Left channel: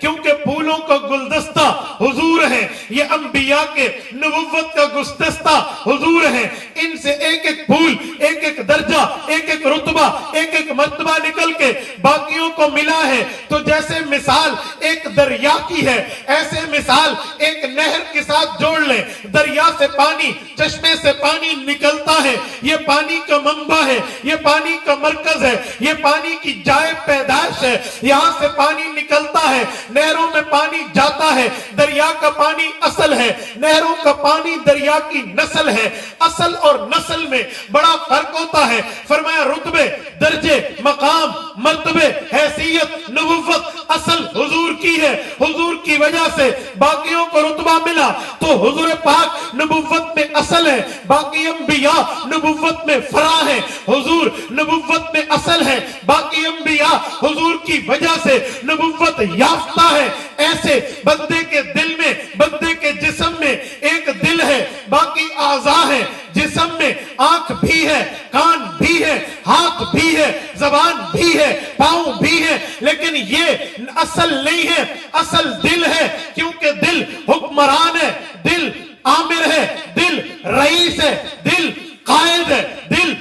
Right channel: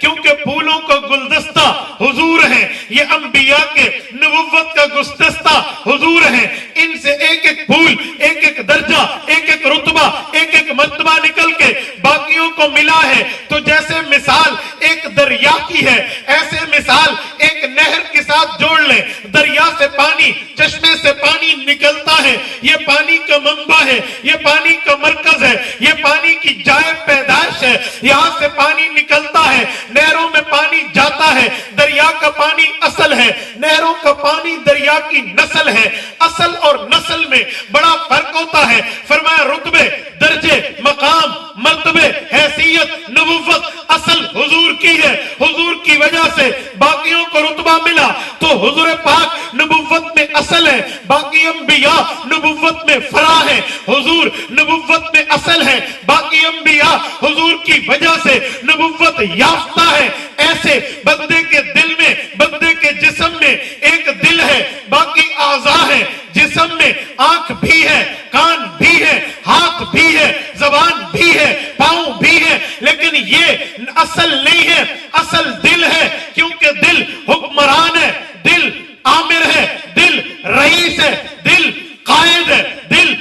کیونکہ پھولوں کا گلدستہ حضور ہیں، یہ انبیاء کے نبوت کا گلدستہ حضور ہیں، ان سے ایک ایک پھول، ایک ایک درجہ، ایک ایک رتبہ، ایک ایک مرتبہ نکل کے باقیوں کو ملا ہے۔ تو جیسے مثال ایک دریا کی ہے، ایسے مثال ایک نہر کے ساتھ جوڑ لیں۔ دریا سے پانی، چشمے سے پانی نکلتا ہے، یہ پانی کا منبع ہے، یہ پانی کا مرکز ہے، یہ پانی کی جائے پیدائش ہے، یہاں سے پانی نکلتا ہے، نہروں میں پانی جاتا ہے، دریا کا پانی اصل ہے، نہروں کا پانی دریا کی نسل ہے۔ اصل اور نسل میں بڑا فرق ہوتا ہے۔ فرمایا رتبے، درجے، مقام، مرتبے، حیثیت، نبوت اصل حضور کی ہے، حضور کی وجہ سے باقیوں کو رتبہ ملا۔ تو حضور پاک نبوت میں اصل ہے، باقی انبیاء نبوت میں فرع ہے۔ حضور نبوت میں اصل ہے، باقی انبیاء حضور کی وجہ سے نبوت یافتہ ہے۔ ایسے بندے کے دل میں، بندے کے جسم میں ایک دل ہے، باقی اعضاء ہے۔ جسم میں آنکھ بھی ہے، کان بھی ہے، ہاتھ بھی ہے، زبان بھی ہے، پاؤں بھی ہے، لیکن یہ اصل نہیں ہے، اصل دل ہے، کیونکہ دل حکمران ہے، دل آمر ہے، دل رئیس ہے، دل قائد ہے، دل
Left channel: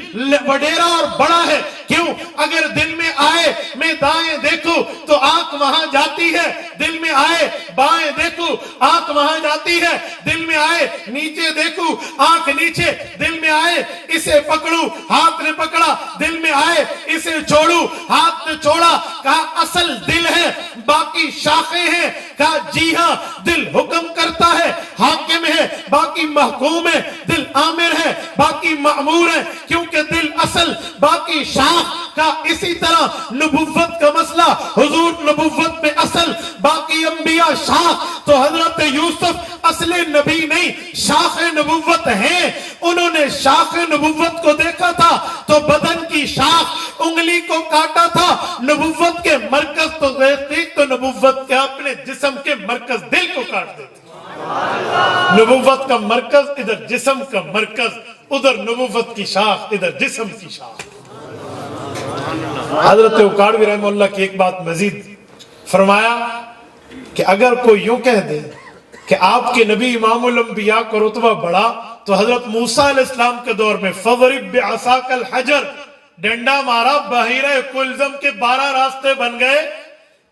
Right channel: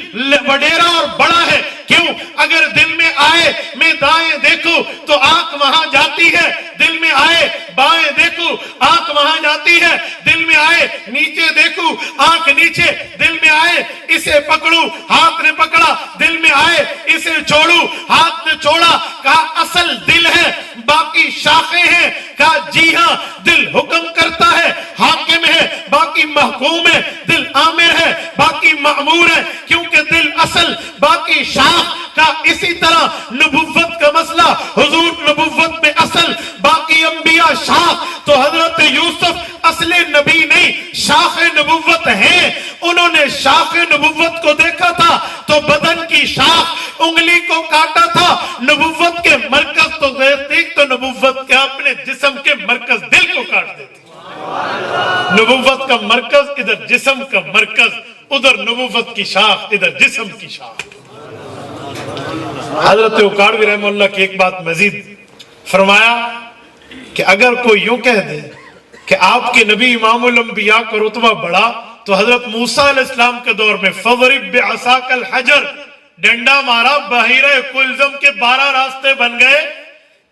وڈیرا اور بڑا ہے۔ کیوں؟ اگر دل میں آئے میں دائیں دیکھوں تو آنکھ وہاں جاتی ہے، دل میں آئے بائیں دیکھوں آنکھ وہاں جاتی ہے، دل میں آئے نیچے دیکھوں آنکھ نیچے، دل میں آئے اسے پکڑوں ہاتھ نے پکڑا، دل میں آئے اسے چھوڑوں ہاتھ نے چھوڑا۔ کہا اصل دل ہے، باقی شاخیں ہیں۔ کہا جی ہاں، دل حکم کرتا ہے، حاکم ہے، باقی محکوم ہے، دل آمر ہے، باقی مأمور ہے، کیونکہ دل اصل باقی شاخ کا۔ اسی طرح نبوت کا مسئلہ، حضور نبوت میں اصل، باقی انبیاء شاخ۔ تو حضرت یوسف اصل نبی نہیں، شاخ نبوت ہیں۔ انہوں نے شاخ نبوت کو دیکھا تھا تو بدن کی شاخ انگلی کو کاٹا تھا۔ نبوت کے مرکز تو دیکھ تو نبوت کے اپنے جسم کے مرکز دل کو کاٹ دیتے۔ نبوت کا مرکز ادھر جسم کا مرکز، ادھر نبوت کی شاخ، ادھر جسم کی شاخ۔ حضرت اکاڑوی رحمہ اللہ کی ایک بات مزید فرمایا کہ اگر کوئی یوں کہہ دے کہ آپ کے نبی امام الانبیاء کا رتبہ بڑھا تو حضرت موسیٰ علیہ السلام کے دور میں فَضْرِبْ بِعَصَاكَ الْحَجَرَ، ڈنڈا مارا، بحیرہ کلزم کے 12 راستے بن گئے،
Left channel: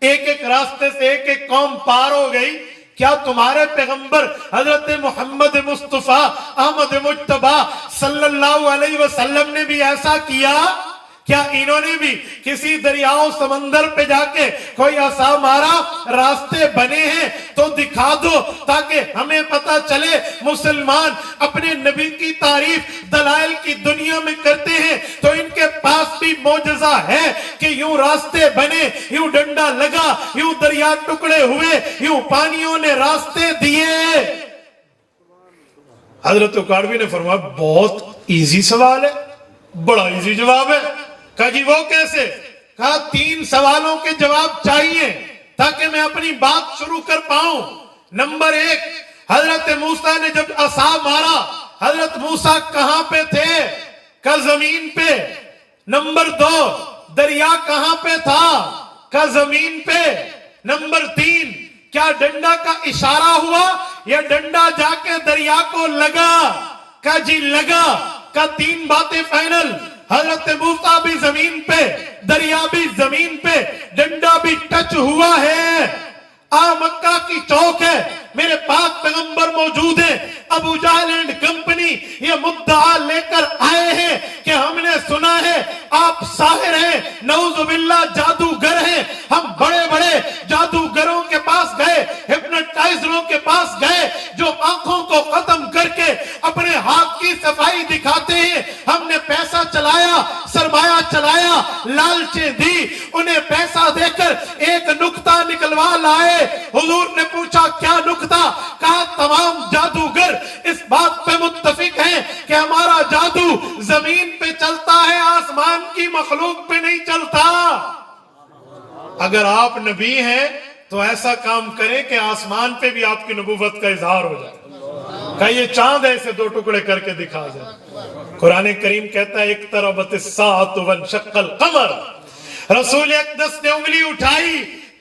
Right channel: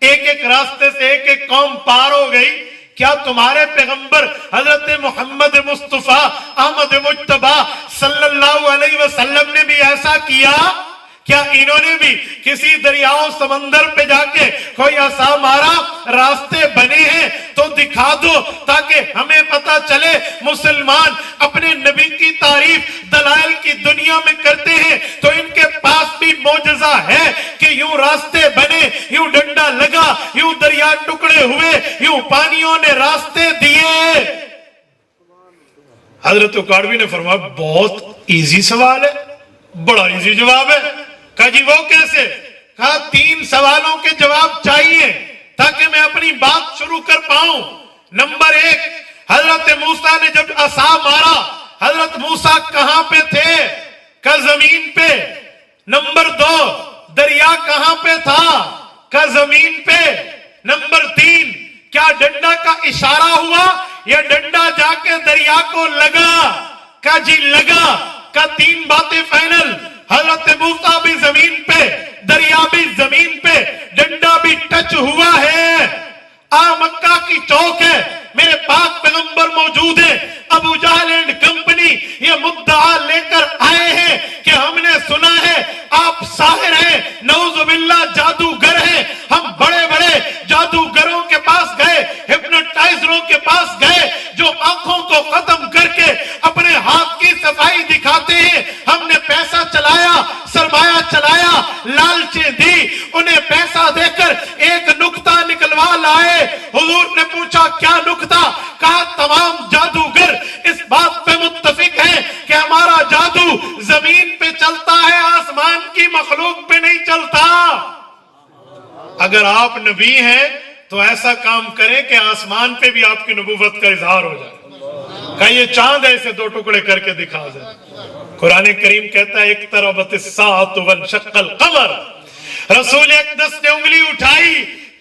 ایک ایک راستے سے ایک ایک قوم پار ہو گئی۔ کیا تمہارے پیغمبر حضرت محمد مصطفیٰ احمد مجتبی صلی اللہ علیہ وسلم نے بھی ایسا کیا؟ کیا انہوں نے بھی کسی دریاؤں سمندر پہ جا کے کوئی عصا مارا، راستے بنے ہیں تو دکھا دو تاکہ ہمیں پتا چلے۔ مسلمان اپنے نبی کی تعریف دلائل کی دنیا میں کرتے ہیں تو ان کے پاس بھی معجزہ ہے کہ یوں راستے بنے، یوں ڈنڈا لگا، یوں دریا ٹکڑے ہوئے، یوں پانیوں نے راستے دیے۔ حضرت اکاڑوی نے فرمایا بہت ایزی سوال ہے، بڑا ایزی جواب ہے۔ کہا جی وہ کیسے؟ کہا 3 سوالوں کے جواب چاہیے تاکہ میں اپنی بات شروع کر پاؤں۔ نمبر 1، حضرت موسیٰ نے جب عصا مارا، حضرت موسیٰ کہاں پہ تھے؟ کہا زمین پہ۔ نمبر 2، دریا کہاں پہ تھا؟ کہا زمین پہ۔ نمبر 3، کیا ڈنڈا کا اشارہ ہوا یا ڈنڈا جا کے دریا کو لگا؟ کہا جی لگا۔ کہا 3 باتیں فائنل، حضرت موسیٰ بھی زمین پہ، دریا بھی زمین پہ، ڈنڈا بھی ٹچ ہوا ہے۔ مکہ کی چوک ہے، میرے پاک پیغمبر موجود ہیں، ابو جہل اینڈ کمپنی یہ مدعا لے کر آئے ہیں کہ ہم نے سنا ہے آپ ساحر ہیں، نعوذ باللہ جادوگر ہیں۔ ہم بڑے بڑے جادوگروں کے پاس گئے، ہپنوٹائزروں کے پاس گئے جو آنکھوں کو ختم کر کے اپنے ہاتھ کی صفائی دکھاتے ہیں۔ ہم نے پیسہ چلایا، سرمایہ چلایا، لالچیں دی، انہیں پیسہ دے کر ایک نکتہ نکلوا لائے۔ حضور نے پوچھا کیا نکتہ؟ کہا تمام جادوگر اس بات پہ متفق ہیں کہ ہمارا جادو زمین پہ چلتا ہے، آسمان کی مخلوق پہ نہیں چلتا۔ اگر آپ نبی ہیں تو ایسا کام کریں کہ آسمان پہ بھی آپ کی نبوت کا اظہار ہو جائے۔ کہ یہ چاند ایسے 2 ٹکڑے کر کے دکھا جائے۔ قرآن کریم کہتا ہے اقتربت الساعۃ وانشق القمر۔ رسول اقدس نے انگلی اٹھائی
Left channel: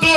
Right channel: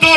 2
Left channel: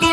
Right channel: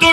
2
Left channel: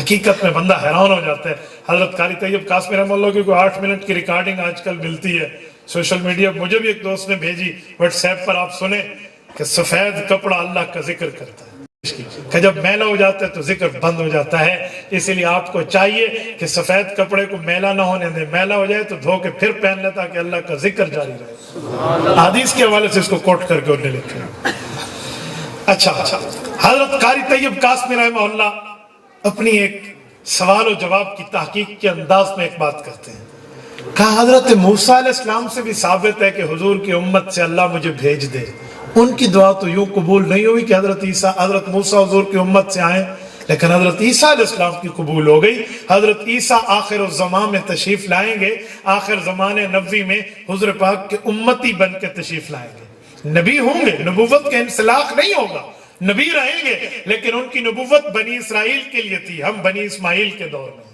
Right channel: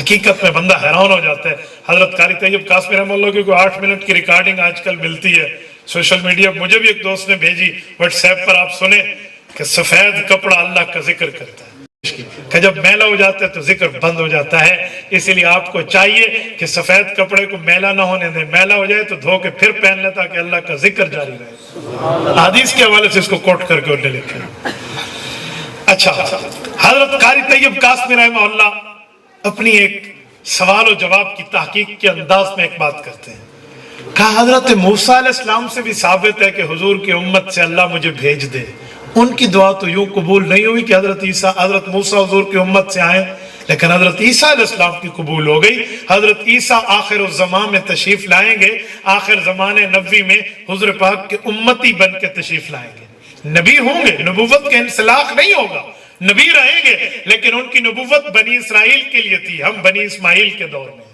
حقیقت میں بندہ حیران ہو جاتا ہے. حضرت قاری طیب قاسمی رحمہ اللہ کی کوئی 8 منٹ کی ریکارڈنگ آج کل ملتی ہے سوشل میڈیا. مجھے بھی ایک دوست نے بھیجی واٹس ایپ پر, آپ سنیں کہ سفید کپڑا اللہ کا ذکر کرتا ہے کہ جب میلا ہو جاتا ہے تو ذکر بند ہو جاتا ہے. اس لیے آپ کو چاہیے کہ سفید کپڑے کو میلا نہ ہونے دیں, میلا ہو جائے تو دھو کے پھر پہن لیتا کہ اللہ کا ذکر جاری رہے. حدیث کے حوالے سے اس کو کوٹ کر کے انہوں نے لکھا. اچھا, حضرت قاری طیب قاسمی رحمہ اللہ اپنی ایک سوال و جواب کی تحقیق کے انداز میں ایک بات کرتے ہیں. کہا حضرت موسیٰ علیہ السلام سے بھی ثابت ہے کہ حضور کی امت سے اللہ مجھے بھیج دے. ان کی دعا تو یوں قبول نہیں ہوئی کہ حضرت موسیٰ حضور کی امت سے آئیں, لیکن حضرت عیسیٰ علیہ السلام کی قبول ہو گئی. حضرت عیسیٰ آخر الزمان میں تشریف لائیں گے, آخر زمان نبوی میں حضور پاک کے امتی بن کے تشریف لائیں گے. نبی ہوں گے, نبوت کا انسلاخ نہیں ہوگا, نبی رہیں گے, لیکن ان کی نبوت بنی اسرائیل کے لیے تھی, ہم بنی اسماعیل کے دور میں,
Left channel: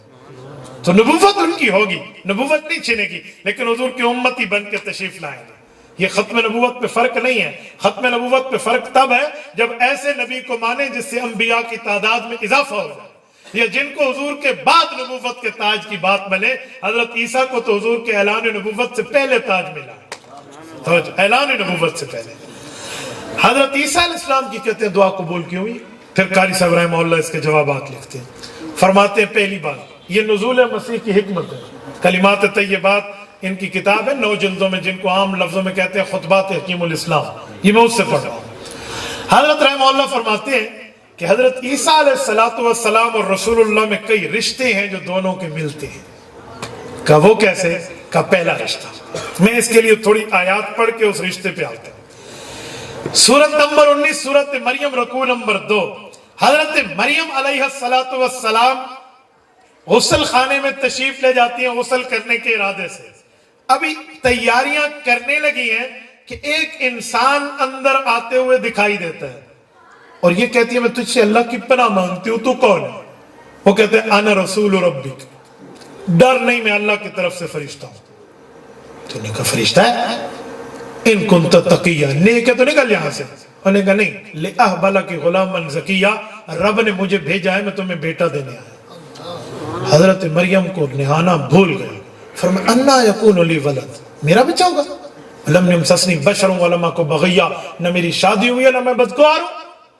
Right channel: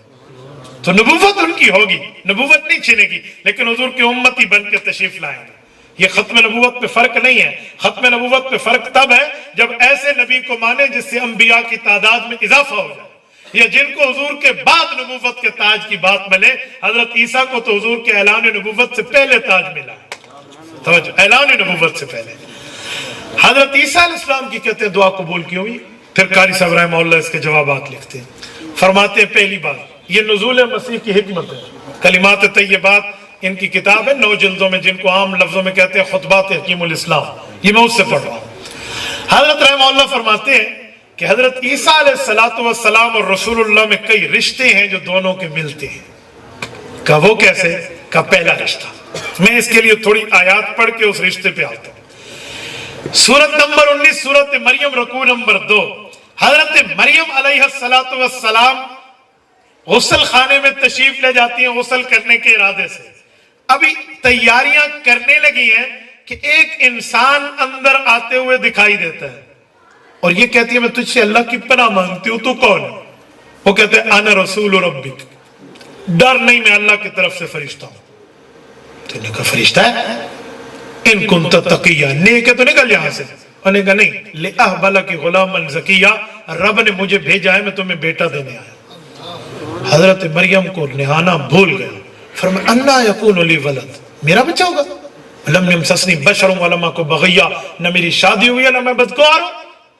تو نبوت ان کی ہوگی, نبوت نہیں چھنے گی, لیکن حضور کی امتی بن کے تشریف لائیں گے. یہ ختم نبوت پہ فرق نہیں ہے. ختم نبوت پہ فرق تب ہے جب ایسے نبی کو مانے جس سے انبیاء کی تعداد میں اضافہ ہو جائے, یا جن کو حضور کے بعد نبوت کے تاج کی بات ملے. حضرت عیسیٰ کو تو حضور کے اعلان نبوت سے پہلے تاج ملا, اعلان نبوت سے پہلے. حضرت عیسیٰ علیہ السلام کی کہتے ہیں دعا قبول کی ہوئی. پھر قاری صاحب رحمہ اللہ اس کے جوابات لکھتے ہیں. فرماتے ہیں پہلی بات یہ نزول مسیح کی حکمت ہے. کلمات طیبات ان کی کتاب ہے 9 جلدوں میں, جن کو عام لفظوں میں کہتے ہیں خطبات حکیم الاسلام. یہ میں اس سے پڑھ رہا ہوں. حضرت رحمہ اللہ فرماتے ہیں کہ حضرت عیسیٰ علیہ السلام اور رسول اللہ میں کئی رشتے ہیں جو دونوں کے ملتے ہیں. کہ وہ کیسے؟ کا پہلا رشتہ, میں اس کے لیے تھوڑی آیات پڑھ کے اس رشتے پہ آتا ہوں. سورت نمبر 19 سورت مریم رکوع نمبر 2. حضرت مریم علیہ السلام غسل خانے میں تشریف لے جاتی ہیں غسل کرنے کے ارادے سے. ابھی تیاریاں کرنے لگی ہیں کہ ایک انسان اندر آتے ہوئے دکھائی دیتا ہے, اور یہ کہتی ہے میں تجھ سے اللہ کی پناہ مانگتی ہوں, تو کون ہے؟ وہ کہتے ہیں انا رسول ربک, ڈر نہیں میں اللہ کی طرف سے فرشتہ ہوں. تو نے کہا فرشتہ ہے؟ ان کنت تقیہ, نیک ہے تو نکل یہاں سے. انہوں نے کہا نہیں, لِأَهْبَ لَكِ غُلَامًا زَكِيًّا, رب نے مجھے بھیجا ہے, میں تمہیں بیٹا دینے آیا. حضرت مریم کو نہانا بھول گئے. فرمایا اَنَّا يَكُونُ لِي وَلَدْ, میرا بچہ ہوگا؟ لَمْ يَمْسَسْنِي بَشَرٌ وَلَمْ أَكُ بَغِيًّا, نہ میری شادی ہوئی ہے نہ میں بدکار ہوں,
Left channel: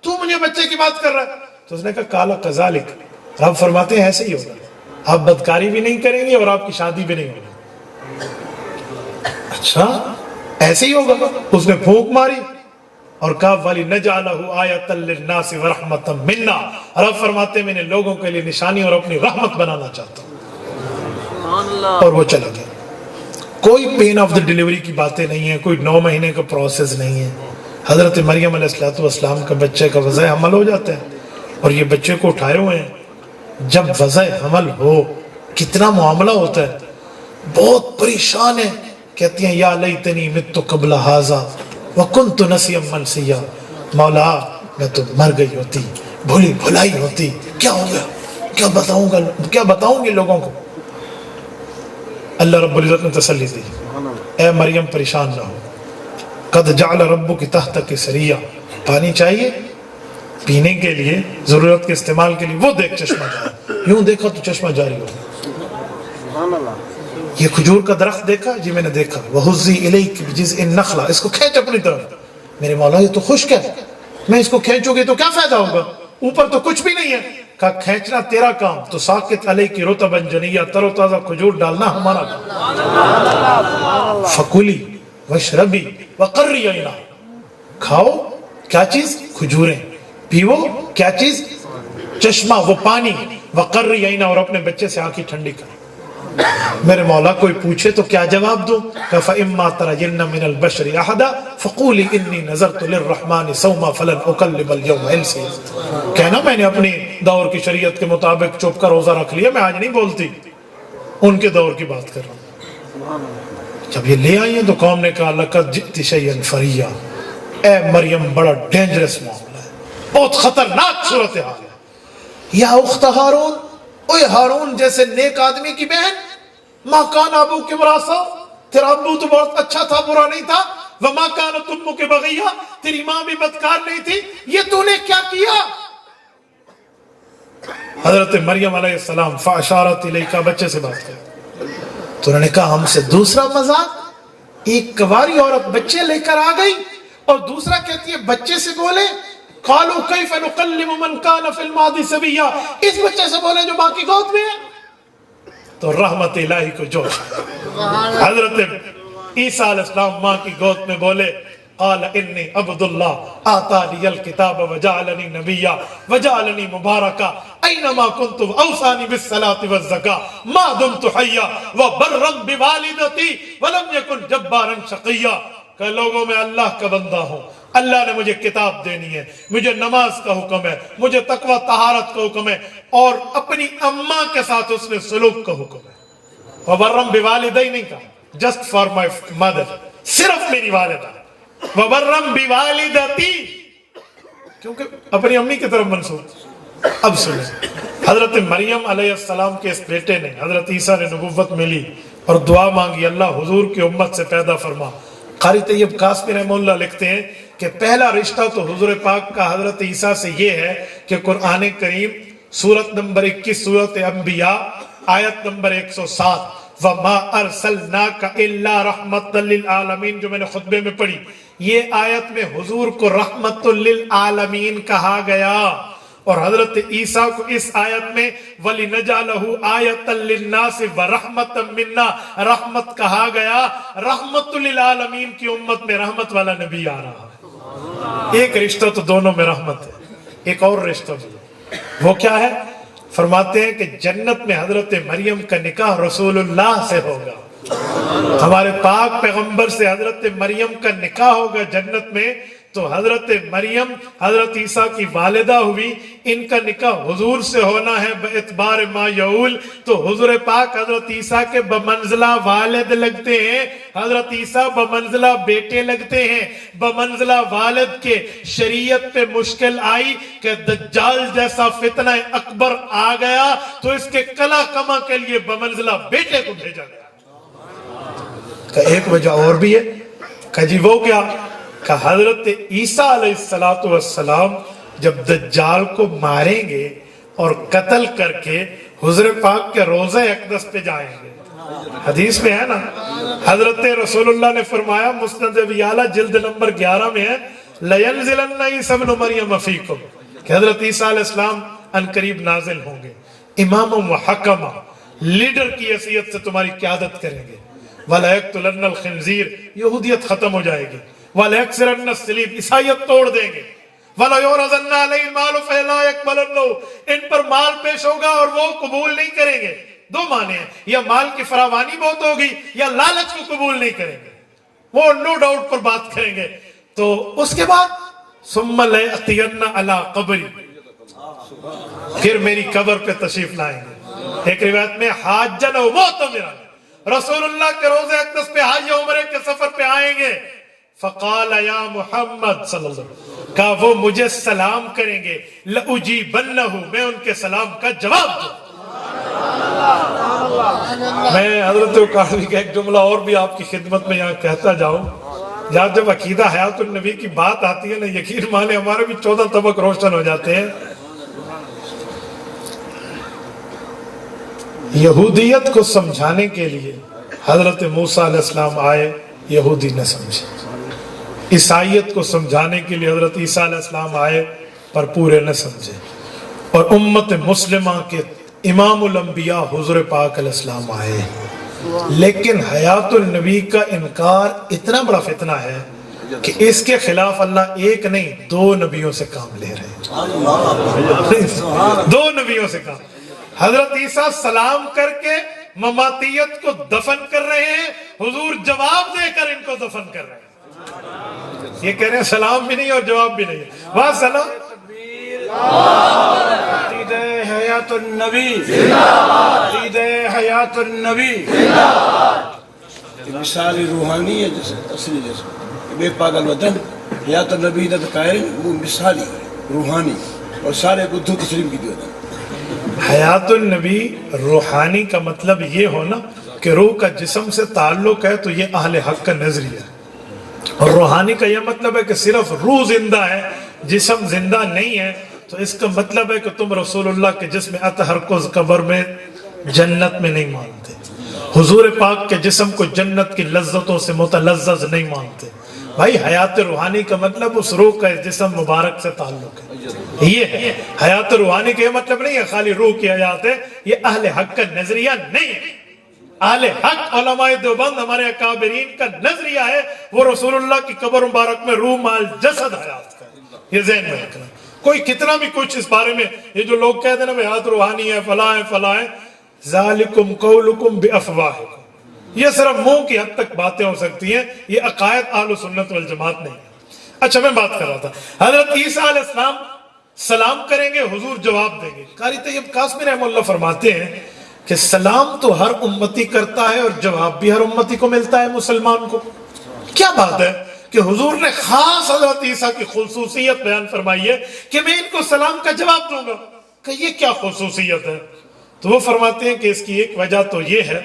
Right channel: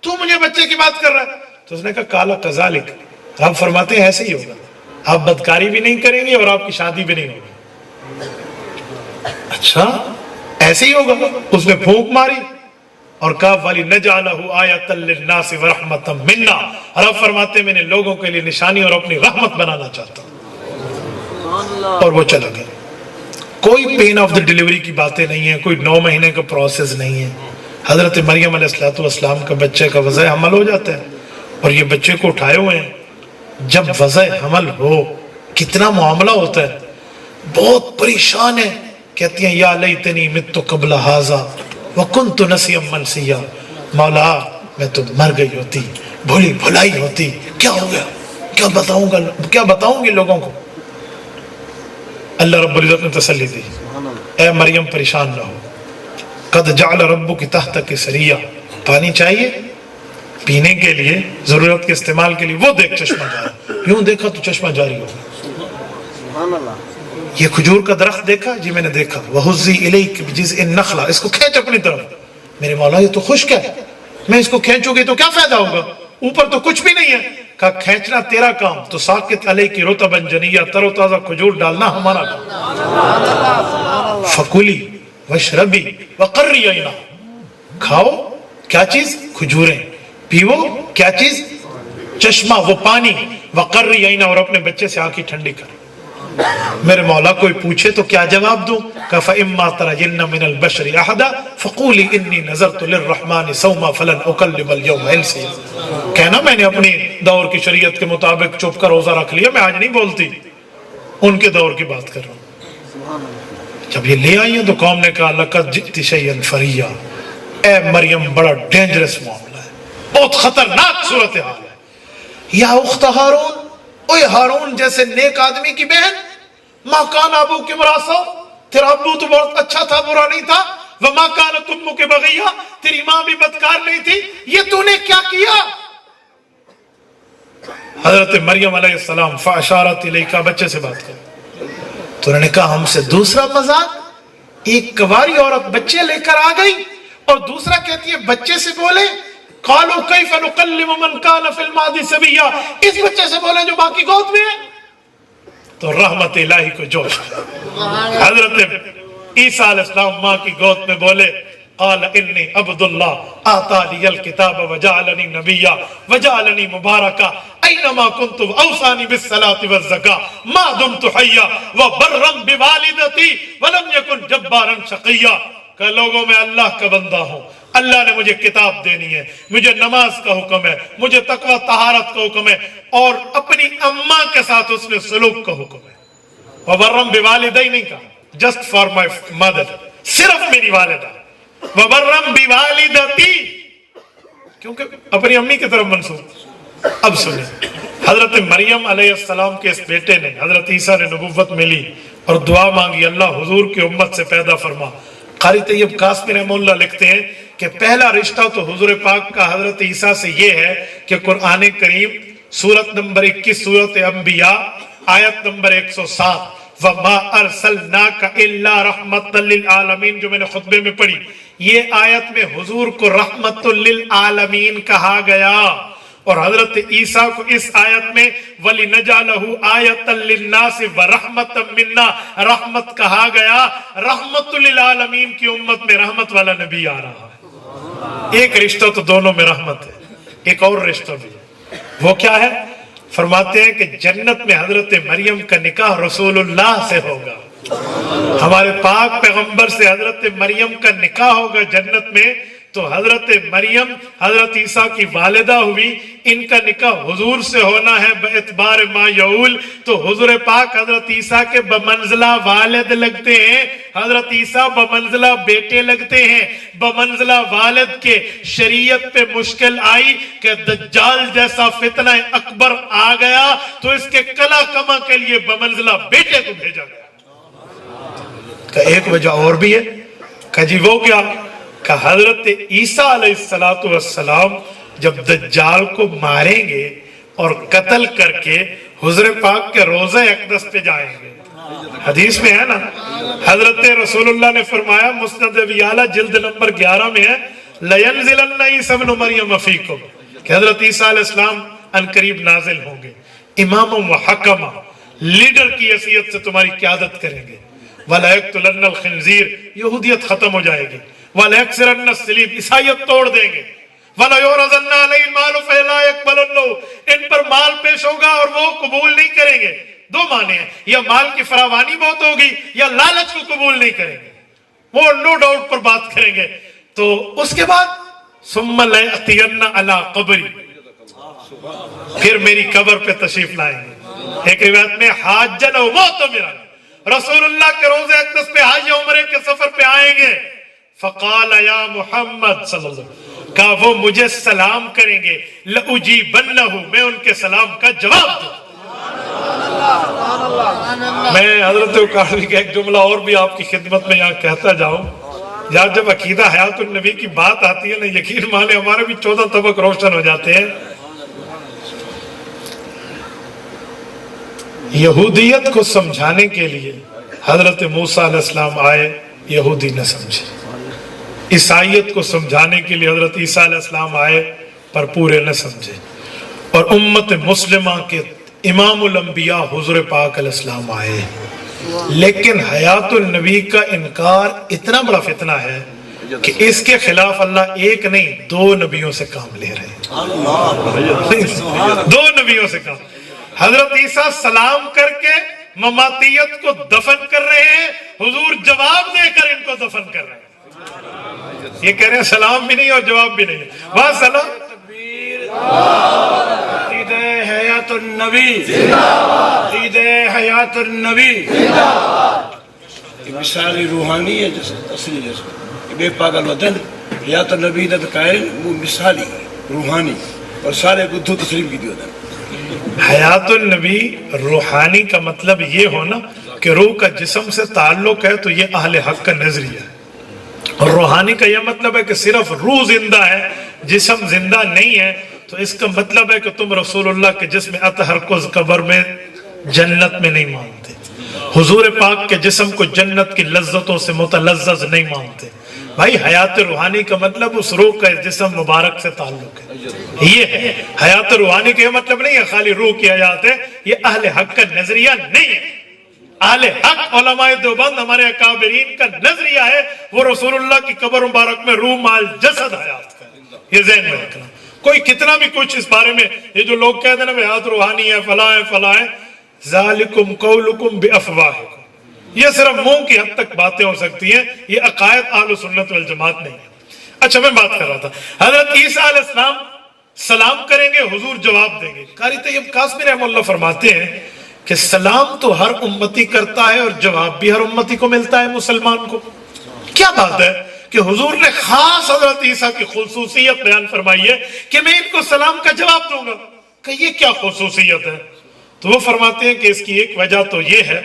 تو مجھے بچے کی بات کر رہا ہے. تو اس نے کہا قَالَ كَذَلِكَ, آپ فرماتے ہیں ایسے ہی ہوگا, آپ بدکاری بھی نہیں کریں گے اور آپ کی شادی بھی نہیں ہوگی. اچھا ایسے ہی ہوگا. اس نے پھونک ماری اور کہا وَلِنَجْعَلَهُ آیَةً لِلنَّاسِ وَرَحْمَةً مِنَّا, رب فرماتے ہیں میں نے لوگوں کے لیے نشانی اور اپنی رحمت بنانا چاہتا ہوں. اور وہ چلا گیا. کوئی پین آف دا ڈیلیوری کی باتیں نہیں ہیں, کوئی 9 مہینے کا پروسیس نہیں ہے. حضرت مریم علیہ السلام کا بچے کا وضع حمل ہو جاتا ہے, اور یہ بچے کو اٹھائے ہوئے ہیں. جب وضع حمل ہو کتنا معاملہ ہوتا ہے, بہت پریشان ہے. کہتی ہیں یا لیتنی مت قبل ھذا وکنت نسیا منسیا, مولا میں تو مر گئی ہوتی, بھولی بھلائی ہوتی, کیا ہو گیا, کیا بتاؤں گی لوگوں کو. اللہ رب العزت نے تسلی دی, اے مریم پریشان نہ ہو, قد جعل ربک تحتک سریا, پانی چاہیے پینے کے لیے, ضرورت کے استعمال کے لیے, وہ دیکھ چشمہ جاری, یوں دیکھا تو چشمہ جاری ہو گیا. یہ کھجور کا درخت دیکھا, جی میں نے دیکھا, وَحُزِّي إِلَيْكِ بِجِزْءِ النَّخْلَةِ, اس کو کھینچ اپنی طرف. میرے مولا یہ تو خشک ہے, میں اس کو کھینچوں گی تو کیا فائدہ ہوگا, اوپر تو کچھ بھی نہیں ہے. کہا کھینچنا تیرا کام, تو ساقط علیکی رطبا جنیہ, تر و تازہ کھجور ڈالنا ہمارا کام. فَكُلِي وَاشْرَبِي وَقَرِّي عَيْنًا, کھاؤ کیا چیز, کھجوریں, پیو کیا چیز, چشمہ وہ پانی, وَقَرِّي عَيْنًا, اور اپنے بچے سے آنکھی ٹھنڈی کر. میرے مولا کوئی پوچھے تو کیا جواب دوں, کہ فَإِمَّا تَرَيِنَّ مِنَ الْبَشَرِ أَحَدًا فَقُولِي إِنِّي نَذَرْتُ لِلرَّحْمَنِ صَوْمًا فَلَنْ أُكَلِّمَ الْيَوْمَ إِنْسِيًّا, کہنا میں نے اپنی دور کی شریعت کے مطابق چپ کر روزہ رکھ لیا, میں آج نہیں بولتی, ان کے دور کی بات کر رہا ہوں. جب یہ لے آئی ہیں تو قوم نے کہا لَقَدْ جِئْتِ شَيْئًا فَرِيًّا, اے مریم بڑا ڈینجرس معاملہ ہے, بہت خطرناک صورتحال ہے. یا اخت ہارون, اوے ہارون جیسے نیک آدمی کی بہن, ما کان ابو کی مراسا, تیرا ابو تو بہت اچھا تھا, برا نہیں تھا. وما کانت امک بغیہ, تیری ماں بھی بدکار نہیں تھی, یہ تو نے کیا کیا. حضرت مریم علیہ السلام فاشارت الیکا، بچے سے بات کرو. تو انہوں نے کہا ہم سے دوسرا مذاق، ایک کواری عورت بچے لے کر آ گئی اور دوسرا کہتی ہے بچے سے بولے. قالوا کیف نکلم من کان فی المہد صبیا، اس بچے سے بولے جو ماں کی گود میں ہے. تو رحمت الہی کو جوش آیا. حضرت عیسیٰ علیہ السلام ماں کی گود میں بولے قال انی عبد اللہ آتانی الکتاب وجعلنی نبیا وجعلنی مبارکا اینما کنت اوصانی بالصلاة والزکاة ما دمت حیا وبرا بوالدتی ولم یکن جبارا شقیا. کہ لوگوں میں اللہ کا بندہ ہوں، اللہ نے مجھے کتاب دینی ہے، مجھے نماز کا حکم ہے، مجھے تقوی طہارت کا حکم ہے، اور اپنی اماں کے ساتھ اس نے سلوک کا حکم ہے. وبرم بوالدی نہیں کہا، جسٹ فار مائی مدر، صرف میری والدہ. وبرم بوالدتی، کیونکہ اپنی امی کی طرف منسوب. اب سنیں، حضرت مریم علیہ السلام کے اس بیٹے نے، حضرت عیسیٰ نے نبوت ملی اور دعا مانگی اللہ حضور کی امت سے پیدا فرما. قاری طیب قاسمی رحمہ اللہ لکھتے ہیں کہ پہلا رشتہ تو حضور پاک کا حضرت عیسیٰ سے یہ ہے کہ قرآن کریم سورت نمبر 21 سورت انبیاء آیت نمبر 107 وَمَا أَرْسَلْنَاكَ إِلَّا رَحْمَةً لِلْعَالَمِينَ جو میں نے خطبے میں پڑھی، یہ آیت میں حضور کو رحمت للعالمین کہا گیا، اور حضرت عیسیٰ کو اس آیت میں وَلِنَجَعَلَهُ آیَةً لِلنَّاسِ وَرَحْمَةً مِنَّا رحمت کہا گیا. رحمت للعالمین کی امت میں رحمت والا نبی آ رہا ہے. ایک رشتہ تو دونوں میں رحمت ہے، ایک اور رشتہ بھی، وہ کیا ہے؟ فرماتے ہیں کہ جنت میں حضرت مریم کا نکاح رسول اللہ سے ہوگا. ہمارے پاک پیغمبر سے حضرت مریم کا نکاح ہوگا جنت میں. تو حضرت مریم حضرت عیسیٰ کی والدہ ہوئی، ان کا نکاح حضور سے ہونا ہے باعتبار ما یعول. تو حضور پاک حضرت عیسیٰ کے بمنزلہ والد لگتے ہیں، حضرت عیسیٰ بمنزلہ بیٹے لگتے ہیں. بمنزلہ والد کے شریعت پہ مشکل آئی کہ دجال جیسا فتنہ اکبر آ گیا تو اس کے کلا کما کے لیے بمنزلہ بیٹے کو بھیجا گیا. کہ ایک وجہ اور بھی ہے کہ جی وہ کیا کہ حضرت عیسیٰ علیہ السلام جب دجال کو ماریں گے اور قتل کر کے حضور پاک کے روضہ اقدس پہ جائیں گے. حدیث میں ہے نا، حضرت رسول اللہ نے فرمایا مسند ابی اعلیٰ جلد نمبر 11 میں ہے لَيَنزِلَنَّ عِيسَىٰ ابْنُ مَرْيَمَ فِيكُمْ، کہ حضرت عیسیٰ علیہ السلام ان قریب نازل ہوں گے، امام و حکمہ، لیڈر کی حیثیت سے تمہاری قیادت کریں گے. وَلَيَقْتُلَنَّ الْخِنْزِيرَ، یہودیت ختم ہو جائے گی. وَلَيَكْسِرَنَّ الصَّلِيبَ، عیسائیت توڑ دیں گے. وَلَيُعْرَضَنَّ عَلَيْهِ الْمَالُ فَلَا يَقْبَلُنَّهُ، ان پر مال پیش ہوگا اور وہ قبول نہیں کریں گے. دو معنی ہیں، یا مال کی فراوانی بہت ہوگی یا لالچ کو قبول نہیں کریں گے، وہ نو ڈاؤٹ پر بات کریں گے. تو اس کے بعد ثُمَّ لَيَأْتِيَنَّ عَلَىٰ قَبْرِي، پھر میری قبر پہ تشریف لائیں گے. ایک روایت میں حاجًا و مُعْتَمِرًا، رسول اللہ کے روضہ اقدس پہ حج عمرے کے سفر پہ آئیں گے. فقال یا محمد صلی اللہ علیہ وسلم، کہا وہ مجھے سلام کریں گے، لَأُجِيبَنَّهُ، میں ان کے سلام کا جواب دوں. میں حضرت اقاڑوی کا ایک جملہ اور بھی آپ کی خدمت میں یہاں کہتا جاؤں. جب عقیدہ حیات النبی کی بات آتی ہے نا، یقین مانے ہمارے بھی 14 طبق روشن ہو جاتے ہیں. یہودیت کو سمجھانے کے لیے حضرت موسیٰ علیہ السلام آئے، یہودی نہ سمجھے. عیسائیت کو سمجھانے کے لیے حضرت عیسیٰ علیہ السلام آئے پر پورے نہ سمجھے. اور امت مسلمہ کے امام الانبیاء حضور پاک علیہ السلام آئے، لیکن حیات النبی کا انکار اتنا بڑا فتنہ ہے کہ اس کے خلاف اللہ ایک نہیں 2 نبیوں سے کام لے رہے ہیں. 2 نبیوں سے کام. حضرت عیسیٰ سلام کر کے مماتیت کو دفن کر رہے ہیں، حضور جواب دے کر ان کو دفن کر رہے ہیں. یہ کہہ رہے ہیں سلام بھی نہیں اور جواب بھی نہیں. وہاں سلام عقید حیات النبی، عقید حیات النبی، یہ مثالی روحانی ہے، جیسے اصلی جیسے بے پاگل وطن حیات النبی نے قائل، وہ مثالی روحانی اور سارے بدھو تسلیم کی دیو. حیات النبی روحانی کا مطلب یہ ہونا کہ روح کا جسم سے تعلق ہے، تو یہ اہل حق کا نظریہ ہے. اور روحانی کا یہ مطلب ہے کہ صرف روح زندہ ہے، جسم زندہ نہیں ہے. تو اس کا مطلب ہے کہ تم رسول اللہ کے جسم اطہر کو قبر میں جنت میں نہیں مانتے، حضور پاک کے جسم کو جنت کی لذتوں سے متلذذ نہیں مانتے۔ بھائی حیات روحانی کا مطلب اس روح کا جسم مبارک سے تعلق ہے، یہ ہے حیات روحانی کا مطلب نہیں ہے خالی روح کی حیات ہے، یہ اہل حق کا نظریہ نہیں ہے۔ اہل حق علماء دیوبند ہمارے اکابرین کا نظریہ ہے وہ رسول اللہ کی قبر مبارک میں روح مال جسد حیات کا، یہ ذہن میں رکھنا۔ کوئی کتنا بھی کچھ اس بارے میں یہ جو لوگ کہتے ہیں نا حیات روحانی ہے فلاں ہے فلاں ہے، ذالکم قولکم بافواہکم، یہ صرف منہ کی حد تک باتیں ہو سکتی ہیں، یہ عقائد اہل سنت والجماعت نہیں ہے۔ اچھا میں بات کر رہا تھا حضرت عیسیٰ علیہ السلام سلام کریں گے، حضور جواب دیں گے۔ قاری طیب قاسمی رحمہ اللہ فرماتے ہیں کہ سلام تو ہر امتی کرتا ہے اور جواب بھی ہر امتی کو ملتا ہے مسلمان کو۔ کیا بات ہے کہ حضور نے خاص حضرت عیسیٰ کی خصوصیت بیان فرمائی ہے کہ میں ان کو سلام کا جواب دوں گا، کہ یہ کیا خصوصیت ہے؟ تو وہ فرماتے ہیں کہ اس کی ایک وجہ تو یہ ہے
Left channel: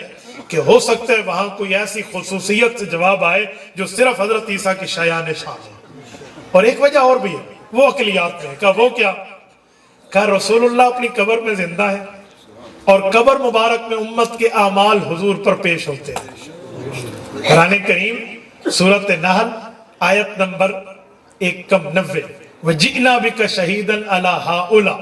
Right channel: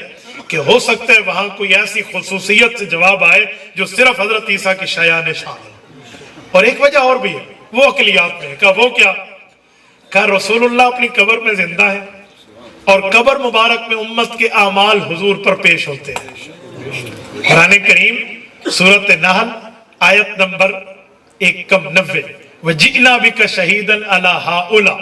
کہ ہو سکتا ہے وہاں کوئی ایسی خصوصیت سے جواب آئے جو صرف حضرت عیسیٰ کی شایان شان ہے، اور ایک وجہ اور بھی ہے وہ عقلیات میں ہے۔ کہا وہ کیا؟ کہا رسول اللہ اپنی قبر میں زندہ ہے اور قبر مبارک میں امت کے اعمال حضور پر پیش ہوتے ہیں۔ قرآن کریم سورۃ نحل آیت نمبر 190 وَجِئْنَا بِكَ شَهِيدًا عَلَى هَؤُلَاء،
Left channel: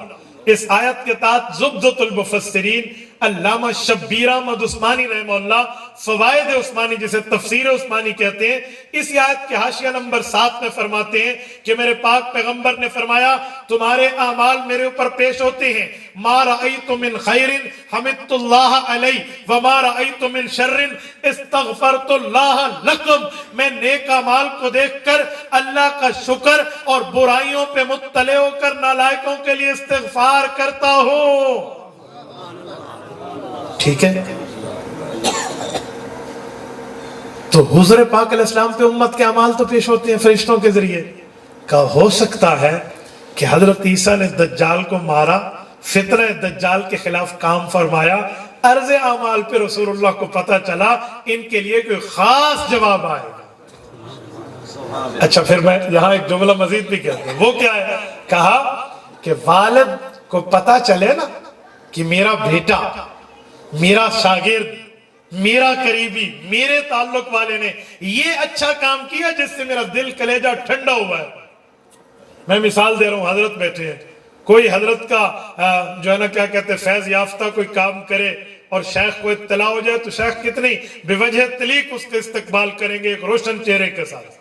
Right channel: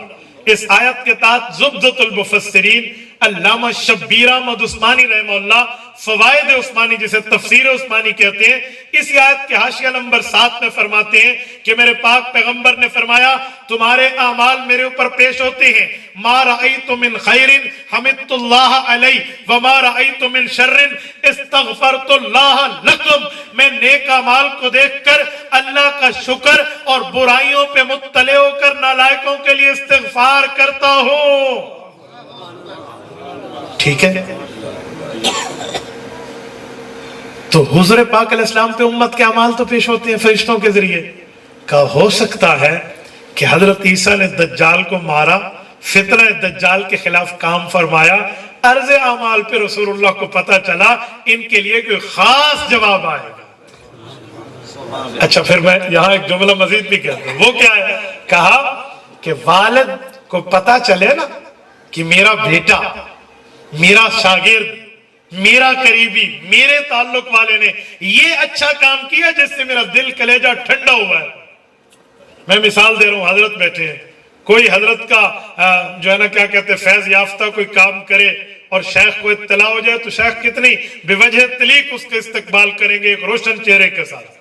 اس آیت کے تحت زبدۃ المفسرین علامہ شبیر احمد عثمانی رحمہ اللہ فوائد عثمانی جسے تفسیر عثمانی کہتے ہیں، اس آیت کے حاشیہ نمبر 7 میں فرماتے ہیں کہ میرے پاک پیغمبر نے فرمایا تمہارے اعمال میرے اوپر پیش ہوتے ہیں، ما رأیت من خیر حمدت اللہ علیہ وما رأیت من شر استغفرت اللہ لکم، میں نیک اعمال کو دیکھ کر اللہ کا شکر اور برائیوں پہ مطلع ہو کر نالائقوں کے لیے استغفار کرتا ہوں۔ ٹھیک ہے، تو حضور پاک علیہ السلام پہ امت کے اعمال تو پیش ہوتے ہیں فرشتوں کے ذریعے۔ کہا ہو سکتا ہے کہ حضرت عیسیٰ نے دجال کو مارا، فتنہ دجال کے خلاف کام فرمایا، عرض اعمال پہ رسول اللہ کو پتہ چلا ان کے لیے کوئی خاص جواب آئے گا۔ اچھا پھر میں یہاں ایک جملہ مزید بھی کہتا ہوں، وہ کیا ہے؟ کہا کہ والد کو پتہ چلے نا کہ میرا بیٹا، میرا شاگرد، میرا قریبی، میرے تعلق والے نے یہ اچھا کام کیا جس سے میرا دل کلیجہ ٹھنڈا ہوا ہے۔ میں مثال دے رہا ہوں، حضرت بیٹھے ہیں، کوئی حضرت کا جو ہے نا کیا کہتے ہیں فیض یافتہ کوئی کام کرے اور شیخ کو اطلاع ہو جائے تو شیخ کتنی بے وجہ تلیق اس کے استقبال کریں گے، ایک روشن چہرے کے ساتھ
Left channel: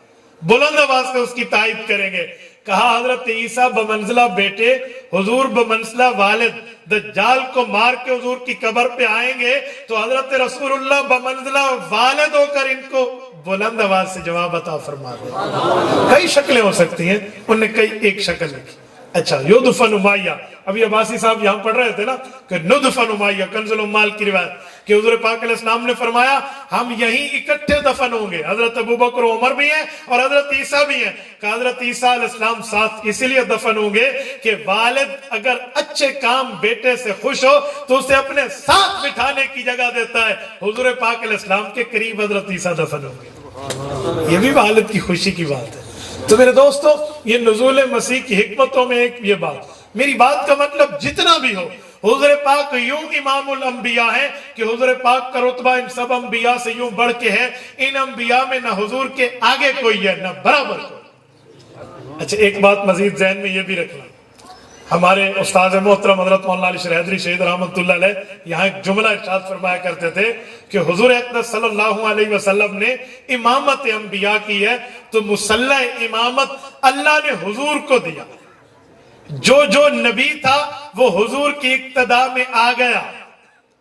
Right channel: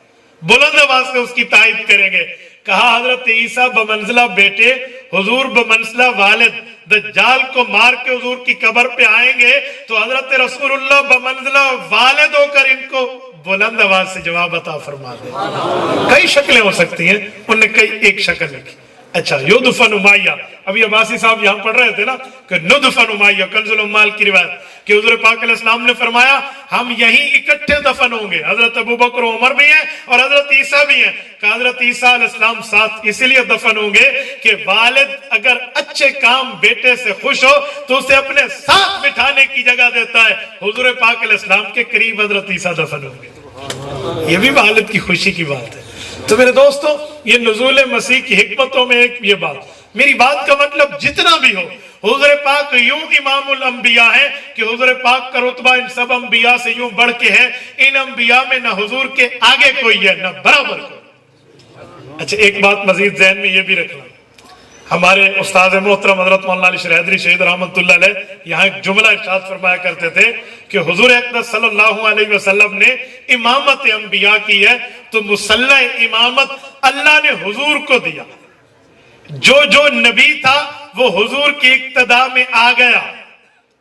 بلند آواز سے اس کی تائید کریں گے۔ کہا حضرت عیسیٰ بمنزلہ بیٹے، حضور بمنزلہ والد، دجال کو مار کے حضور کی قبر پہ آئیں گے تو حضرت رسول اللہ بمنزلہ والد ہو کر ان کو بلند آواز سے جواب عطا فرما دیں۔ کئی شکلیں ہو سکتی ہیں، انہوں نے کئی ایک شکل لکھی۔ اچھا یدفن امیہ، ابھی عباسی صاحب یہاں پڑھ رہے تھے نا کہ ندفن امیہ، کنز العمال کی روایت کہ حضور پاک علیہ السلام نے فرمایا ہم یہیں اکٹھے دفن ہوں گے، حضرت ابوبکر و عمر بھی ہیں اور حضرت عیسیٰ بھی ہیں۔ کہ حضرت عیسیٰ علیہ السلام ساتھ اسی لیے دفن ہوں گے کہ والد اگر اچھے کام بیٹے سے خوش ہو تو اسے اپنے ساتھ بٹھانے کی جگہ دیتا ہے، حضور پاک علیہ السلام کے قریب حضرت عیسیٰ دفن ہوں گے۔ یہ بھی والد کی خوشی کی بات ہے۔ تو میرے دوستو یہ نزول مسیح کی حکمتوں میں ایک یہ بات، میری بات کا مطلب جتنا بھی ہو حضور پاک یوں امام الانبیاء ہے کہ حضور پاک کا رتبہ ان سب انبیاء سے یوں بڑھ کے ہے، ان انبیاء میں نہ حضور کے آگے کوئی ہے نہ برابر کوئی۔ اچھا ایک بات مزید ذہن میں یہ بھی رکھنا، ہمارے استاد محترم حضرت مولانا علی شریح حیدری شہید رحمۃ اللہ علیہ یہاں ایک جملہ ارشاد فرمایا کرتے تھے کہ حضور اقدس صلی اللہ علیہ وسلم نے امامت انبیاء کی ہے تو مصلح امامت اللہ نے حضور کو دیا، جو نبی تھا وہ حضور کی اقتداء میں آ گیا،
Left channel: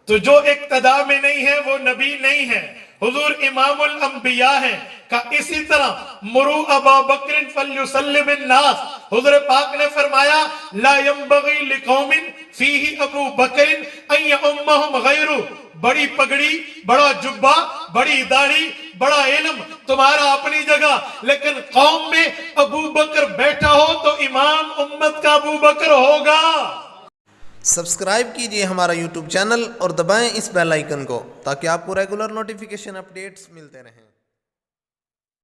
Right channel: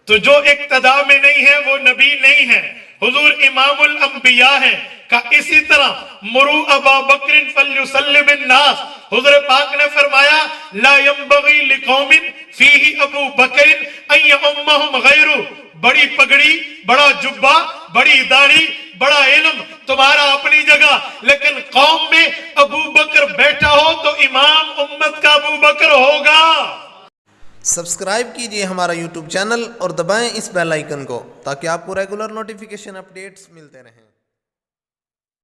تو جو اقتداء میں نہیں ہے وہ نبی نہیں ہے، حضور امام الانبیاء ہیں۔ کہ اسی طرح مرو ابا بکر فلیصلی بالناس، حضور پاک نے فرمایا لا ينبغی لقوم فیہ ابو بکر ان یؤمہم غیرہ، بڑی پگڑی، بڑا جبہ، بڑی داڑھی، بڑا علم تمہارا اپنی جگہ، لیکن قوم میں ابو بکر بیٹھا ہو تو امام امت کا ابو بکر ہوگا۔ سبسکرائب کیجئے ہمارا یوٹیوب چینل اور دبائیں اس بیل آئیکن کو تاکہ آپ کو ریگولر نوٹیفیکیشن اپڈیٹس ملتے رہیں۔